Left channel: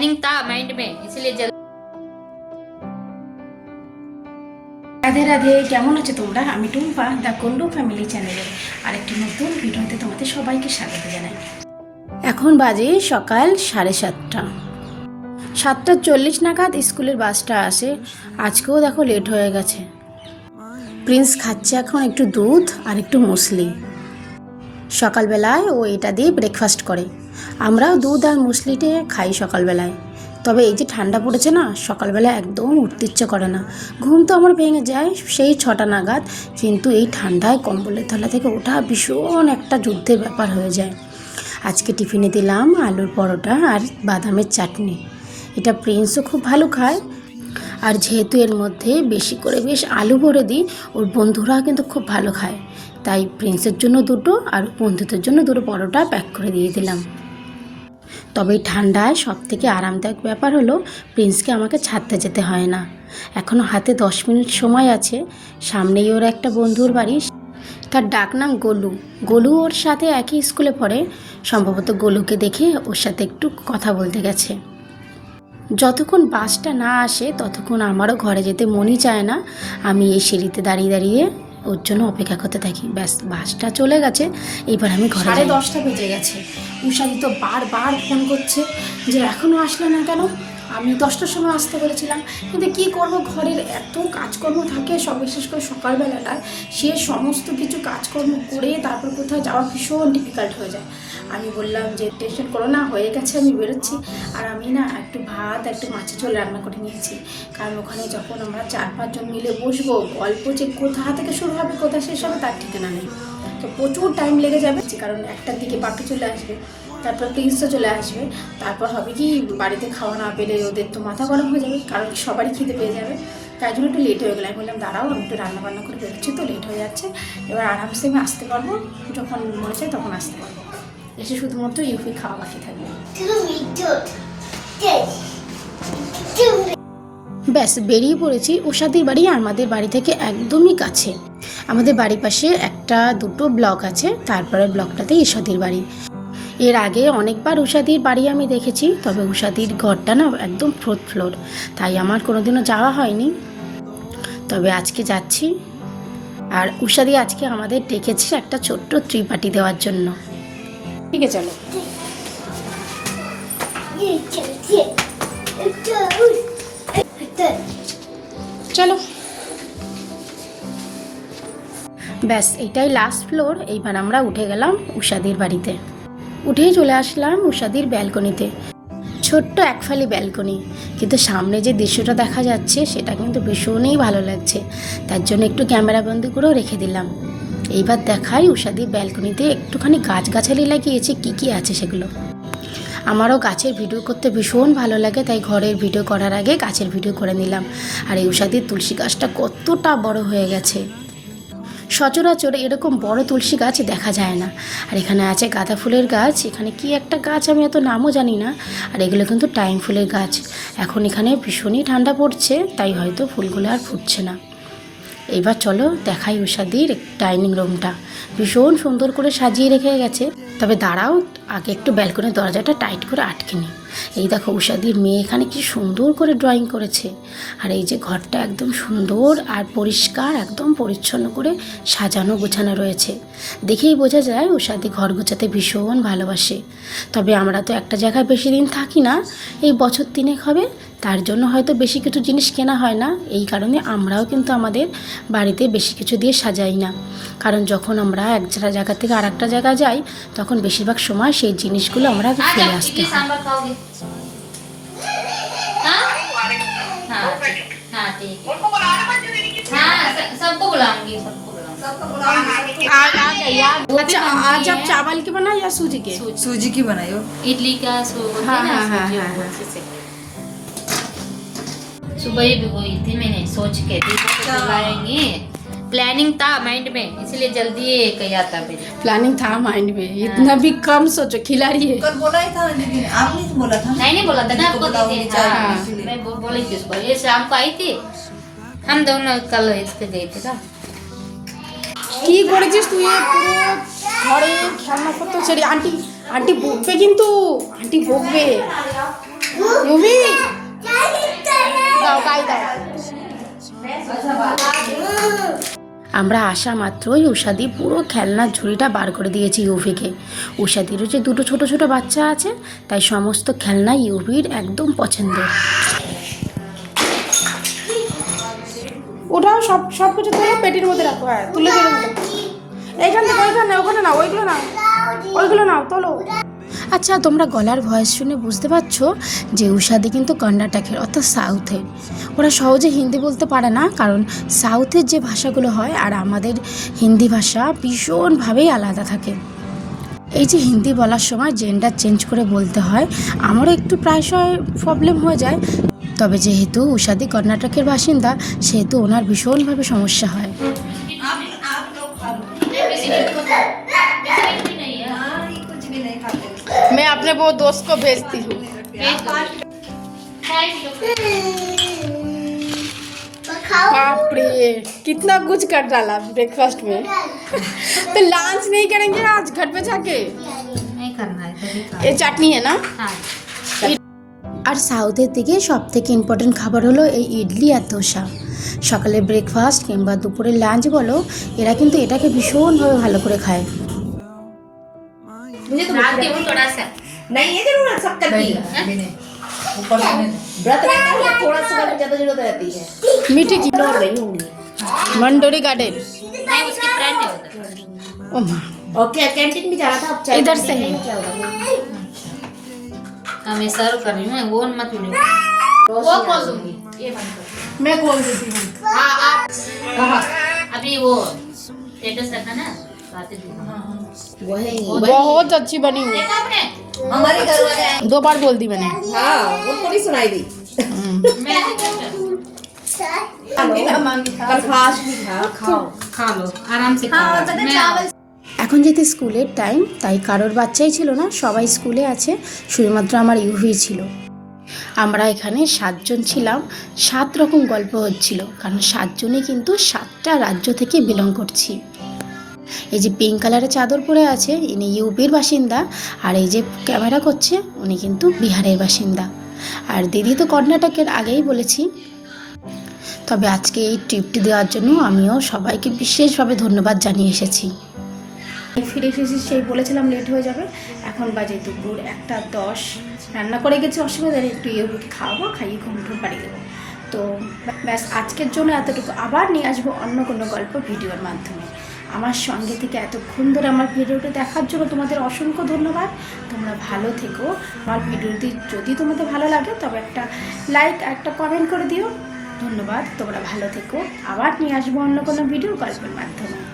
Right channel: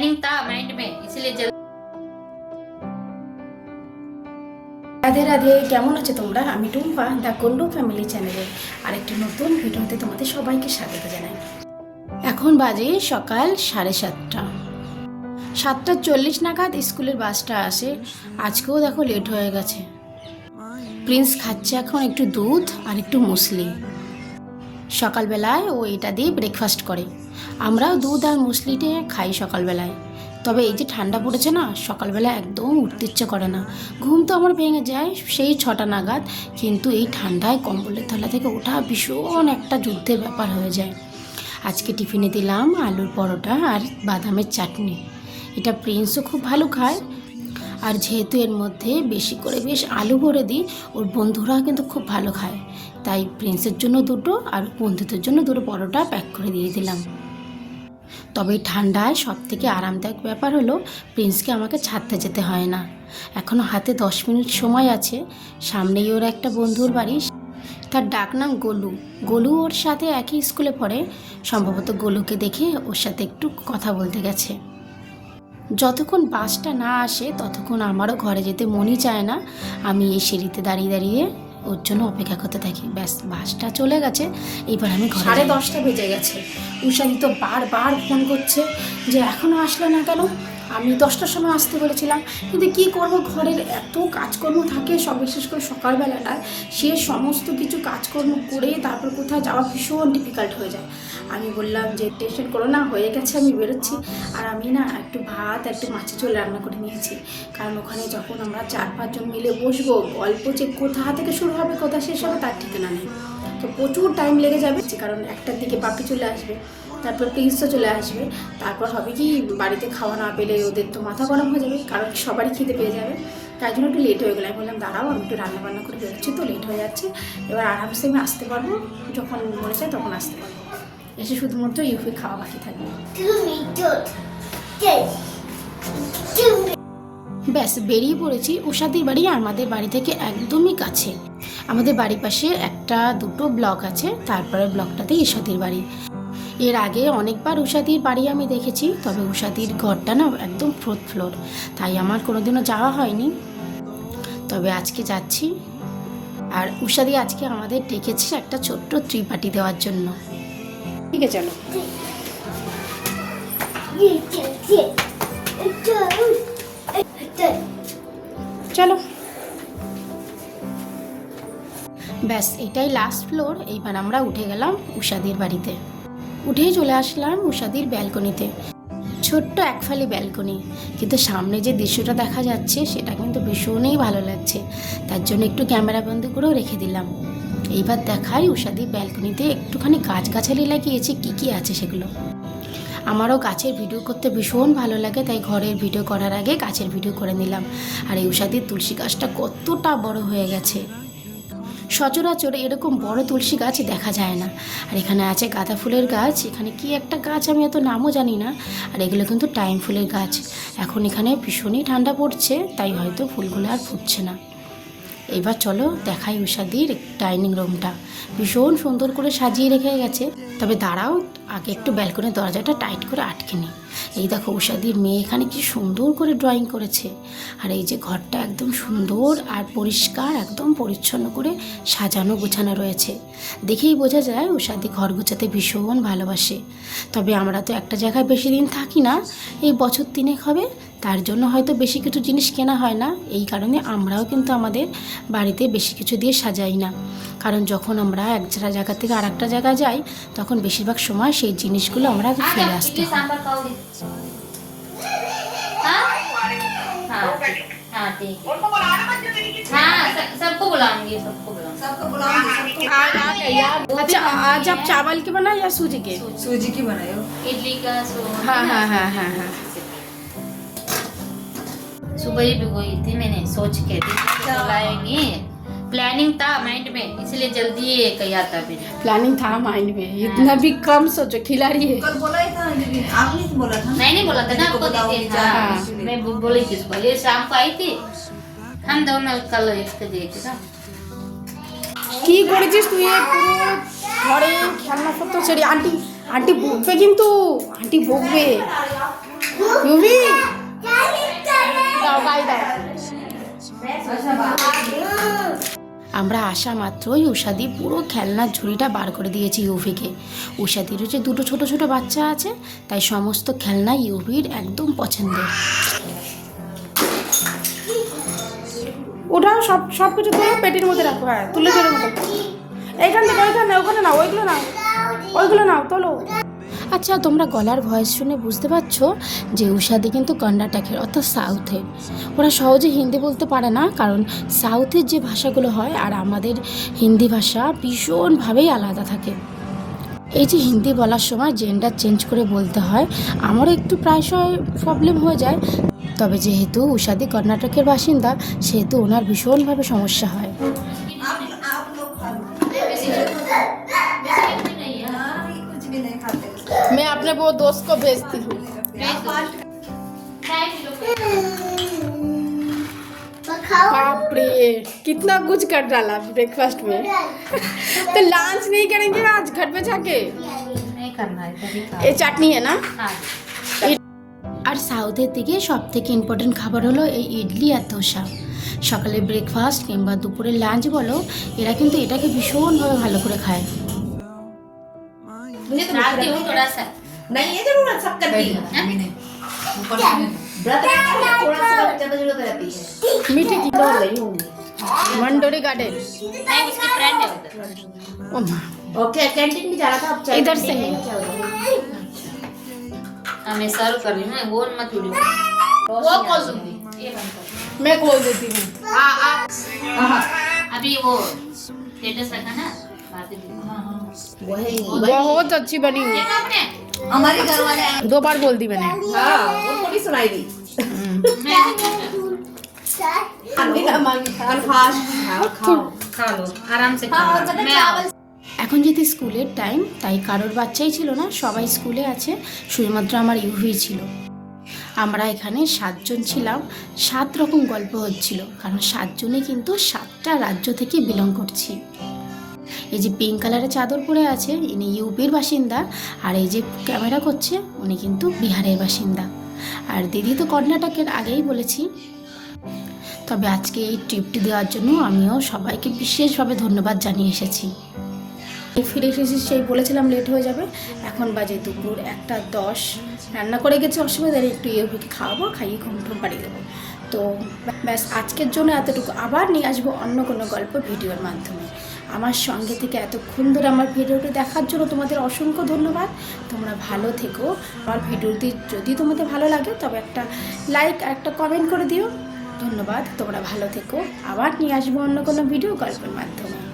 Planning था mind में इसलिए जल्दी রাধে রাধে কেমন আছো তোমরা আমি টুম্পা দ্য কন্ডু ফ্যামিলি চ্যানেলে আরেকটি নতুন ভিডিওতে তোমাদের সবাইকে স্বাগত জানাই এখন বাজে সকাল সাড়ে সাতটা সাতটা চল্লিশ নাগাদ স্কুলের বাসটা আসে আজকেও দেখো লেট হয়ে গেছে প্রিন্স খাচ্ছে এখন একটু দুধ আর একটু মুসলি সকালবেলায় ও এটা দিয়ে ব্রেকফাস্ট করে আমরাও দুধ আর মুসলিটে খাই সকালবেলায়। তবে এই যে ঠান্ডা পড়েছে না, সকালবেলা একদম উঠতে ইচ্ছে করে না। ঘুম তো আমার ভেঙে যায় সেই ছটা নাগাদ, কিন্তু এই ঠান্ডায় কম্বলের তলা থেকে ওঠা ভীষণ একটা যুদ্ধের ব্যাপার হয়ে যায়। আজকে টিফিনে দিলাম আলুর পরোটা আর বাদামের চাটনি। এটা প্রিন্সও খুব ভালো খায়। আর যেহেতু এর মধ্যে বেশি করে বেশ আলু ভরে দিই, ওর বন্ধুরা কিন্তু খুব ভালো খায়। তাই প্রিন্সের জন্য দুটো আর বন্ধুদের জন্য দুটো পরোটা প্যাক করে দিয়ে দিলাম। তবে ঠান্ডায় সব থেকে আরামদায়ক ব্যাপার হলো প্রিন্সকে আমাকে ছাড়তে যেতে হয় না। এখনও হাতে দশ মিনিট সময় আছে। সামনেই ওর একটা বন্ধুর বাড়ি। তার ডাক নাম গোলু। গোলু ওর সাথে একই স্কুলে পড়ে। সম্ভবত গোলুকে দেখে ওর সাথে একটু কথা বলতে গেছে। যতক্ষণ বাসটা না আসে, ততক্ষণ আমারও ঘরে যেতে মনই চায় না। আমি এই সিঁড়িতে দাঁড়িয়ে দাঁড়িয়ে ওর জন্য অপেক্ষা করতে থাকি। ব্যাস, বাসটা চলে গেছে। এবার আমি ঘরে দশটা বেজে গেছে। উষাদি তো বারবার ফোন করছে যে এখনও আসলো না কেন? আমি দশটার সময় আসতে বলেছিলাম, কিন্তু কি করব? ঘরের এত কাজকর্ম থাকে, সব বিশেষ করে সকালবেলায় সে সমস্ত কিছু কাজকর্ম করে তারপর কোথাও যাওয়া ভীষণ ডিফিকাল্ট হয়ে যায়। আমি বললাম যে, টেনশন করো না, হয়ে গেছে, আমি বেরোচ্ছি। আর আমি না একটু ভাত, একটু মাছের ঝোল রান্না করে নিয়েছি। কারণ ওখানে যখন আমরা চার পাঁচজন মিলে বসবো, গল্প যে কোথা থেকে শুরু হবে, কোথা শেষ হবে, তার ঠিকানা নেই। তো প্রচুর টাইম লেগে যাবে, কারণ একটার দিকে বাকি চলে আসবে, তারপর তিনশো চলে আসবে, তারপর হবে কি, বাড়িতে খাওয়া না পেলে ওদের তো মাথা গরম হয়ে যাবে কারণ কি সবারই খেতে পেয়ে যাবে। তাই জন্য একটু লেট হয়ে গেলে আমি বললাম দাঁড়াও আমি একটু রান্না বান্না করে বেরোচ্ছি তো লেট হয়ে যাচ্ছে। এবার আরামসে আমি আসতে পারব। যখন মনে চাই তখন আসতে পারব। এসে শুধুমাত্র ইউপি খাওয়া বাকি থাকবে। ব্যাস বেরিয়ে পড়েছি উষাদির বাড়ি আমাদের বাড়ি থেকে একদমই কাছে। আমাদের বাড়ির পাশে একটা দুটো ব্লক আছে তারপরে ব্লকটাতে ঈশাদির বাড়ি। এর আগে অনেকবার উষাদির বাড়ি আমি দেখেছি তবে উষাদির ঘরটা না একদম ফোর্থ ফ্লোর তাই আমার কোনোদিনও যাওয়া হয়নি। তবে আজকে যাচ্ছি। আর উষাদি আজকে আমাদের ডেকেছে একটা ছোট্ট ত্রিপাটি দেওয়ার জন্য। ঠিক আছে চলো। চলো। ব্যাস এটাই লাস্ট ফ্লোর এইবার আমরা উঠে গেলাম উষাদির বাড়িতে। উঠেই চলে আসলাম উষাদির ব্যালকনিতে। ছোট্ট একফালি ব্যালকনি। কিন্তু সামনে যে দৃশ্যটা দেখা যাচ্ছে, সেটা কিন্তু ভীষণই ভালো লাগছে। তার জন্য একটু ক্যামেরা বন্দি করেও রেখে দিলাম। এইবার দেখাই উষাদির ব্যালকনিতে একটুখানি গাছগাছালি লাগিয়েছে, কী কী আছে সেগুলো। আমারও গাছের ভিডিও করতে ভীষণ ভালো লাগে, তাই ঘরের ভিডিও করার আগে গাছের ভিডিও করে নিলাম। আর এই উষাদির তুলসী গাছটা কতটা বড় হয়ে গেছে। সচরাচর এরকম বড় তুলসী গাছ দেখা যায় না। আর এখানে আছে গাঁদা ফুলের গাছ, এখানে কি একটা গাছ আমি এত নামও জানি না। আর এগুলো কিন্তু টাইম ফুলের গাছ। এখন এখানে ভীষণই ঠান্ডা পড়ছে, তাই হয়তো ফুলগুলো আর ফুটছে না। এবার চলো দেখাই উষাদির ডাইনিং রুমটা। ভীষণ সুন্দর করে সাজিয়ে রেখে গেছে। তবে দাঁড়াও, আগে একটু ব্যালকনির দরজাটা টাইট করে আটকে নি। এই দেখো উষাদির মেয়ে এখানে কি সুন্দর করে ড্রয়িং করেছে। আর এই যে ঘরটা একদম সুন্দর আর পরিষ্কার, একদম পরিচ্ছন্ন করে সাজানো গোছানো রয়েছে। দেখেই বোঝা যায় উষাদি ঘর গোছাতে ভীষণ ভালোবাসে। তবে আমরা তো একটা জায়গায় বেশি দিন থাকি না, এই বছর তিনেক হবে তার জন্য হয়তো বেশি কিছু জিনিস কেনা হয় না এই কারণে আমরাও কিন্তু আমাদের বাড়িতে বেশি কিছু দিয়ে সাজাই না কারণ যখন আমরা এক জায়গা থেকে আর একটা জায়গায় যাই তখন বেশিরভাগ সময় সেই জিনিসগুলো আমরা ফেলে हाँ আসতে इडली হয় सांभर खाओगे हाँ हाँ ठीक हाँ ठीक है हाँ स- सबको बुलाऊंगी सबको बुलाऊंगी अच्छा आज आप चावल के बनाए या सूजी के सूजी की बनाई हो इडली का सो हाँ, ना, हाँ, हाँ, सूजी हाँ, को हाँ। उससे। सुबह ही भिगोई थी मैंने सोच के थी तो बुलाएंगे प्लानिंग था माइंड में इसलिए जल्दी ये किया था मैंने प्लानिंग था माइंड में इतना भी कम सोचो खिलाड़ी है कल बोला ही था दीदी ने आपने तो बोला था नहीं नहीं बोला था ना आपको बताओ, दीदी चाय हाँ, इसलिए। मैं बो- बोली थी उसको ये शाम को आई थी हम दोनों कल इसके गए थे ना কি করেছিস তুই এই পুরো ঘরে খেলনা পত্র ছেড়ে আন্টি আন্টি বকবে কিন্তু আন্টি বকবে ইউভি দাও, গায়ে দাও। আমরা আসা মাত্রই উষাদি পুরো খেলনার ঝুড়িটা বার করে দিয়েছি ইউভিকে। উষাদিরও যে দুটো ছোট ছোট বাচ্চা আছে, তাই সমস্ত খেলনা ইউভির একদম পছন্দের ওটাও সব সব কিছু মধ্যে রাখো হ্যাঁ তুলে এইখান থেকে, এইখানে ওখানে না ওইগুলো না ওইগুলো না তোলো। আচ্ছা তোমরা গলার ভয়েস শুনে বুঝতে পারছ যে উষাদি কিন্তু কর্ণাটকের অর্থাৎ সাউথের ওরা সহজে হিন্দি বলতে পারে না, কারণ সাউথের যে ভাষাগুলো হয় আর আমাদের হিন্দি ভাষা ভীষণভাবেই আলাদা থাকে। এই যে হিন্দি বলার সময় জেন্ডার চেঞ্জ করে বলতে হয়, আমারও একটু প্রায়শই প্রবলেম হয়ে যায়। তবে যেহেতু উষাদি কর্ণাটকের বাসিন্দা, সেহেতু ওনার ভীষণভাবে সমস্যা হয়। वो दोस्त को भेजती हूँ बाप रे कितना कुछ कर डाला ब्रेकफास्ट में तो लंच नहीं करेंगे आज घर पे जाके नहीं करना है कभी खा ये चटनी है ना हाँ আর সাউথের দিকে সব থেকে ইম্পর্টেন্ট খাবার হলো এই ইডলি আর ধোসা সকালে ব্রেকফাস্ট কিংবা দুপুরের লাঞ্চ বলো এরা কিন্তু এটাকে ভীষণভাবে ভালো করে খায় नहीं है ज़रूरत सब शक्कर की ऊपर व्रत रहता है थोड़ा सा बच्चा तो ज़रूरत रहती है। मीठे की लोग गई हूँ वनडोरी गार्डन। ओके कैंटीन में जा रहा था अब चाय इधर से। हमें अच्छा। सर्व कर रही हूँ वो मत उड़ो वो खोल दूँगी। ये बंद कर। मैं खोल देती हूँ। हाँ आप हाँ, हाँ। अभी वो स्टेटस रखा ना? बहुत अच्छी बनी हुई देखा आपने हमारे घर वाले आए दो बार बोल दी मैंने हाँ उनको नहीं सुनाई दी मैं देखूंगा। कल फास्ट फूड खाओ खाओ खा लो आराम से खा लो मैं आओ। এখন যেহেতু স্কুলের টাইম তাই কারোর বাচ্চাই ছিল না সবাই স্কুলে আছে শুধুমাত্র আমার ইউভি ছিল আমরা এখানে সাতজন ছিলাম সাত রকম গল্প হচ্ছিল কারণ সাতজনই কিন্তু সাতটা রাজ্য থেকে বিলং করছি এই যে পিঙ্ক কালারের চাদর পরে আছে, ইনি ইউপির বাসিন্দা, আর এই যে ক্যামেরা করছে, উনি কিন্তু বিহারের বাসিন্দা। আর দিদি তো কর্ণাটকের, আগেই বলেছি। তবে আজকে এই ট্রিপটি দেওয়ার জন্য আমিও সবাইকে বিশেষভাবে ধন্যবাদ জানিয়ে এসেছি। ফিরে এসেছি সেই বলেছিলাম লেট হয়ে যাবে। এখন বাজে দুপুর একটা দশ। রান্না করে গেছি, অসুবিধা একটু ইয়েগুলোকে খাওয়াবো, খাইয়ে ঘুম ঘুম বাড়ি দেবো তো ব্যাস, আজকের জন্য এতটুকু। আবার নিয়ে আসব অন্য কোনো গল্প ভিডিওর মাধ্যমে। আমার সঙ্গে থেকে এতক্ষণ ধরে আমার ভিডিওটা দেখার জন্য তোমাদের অসংখ্য ধন্যবাদ। তোমরা ভালো থেকো। আমার ভিডিওটি যদি তোমাদের ভালো লাগে, তবে একটা লাইক আর একটা কমেন্ট করে দিও। ধন্যবাদ। তোমরা ভালো থেকো। আবার নিয়ে আসব অন্য কোনো ভিডিও গল্পের মাধ্যমে।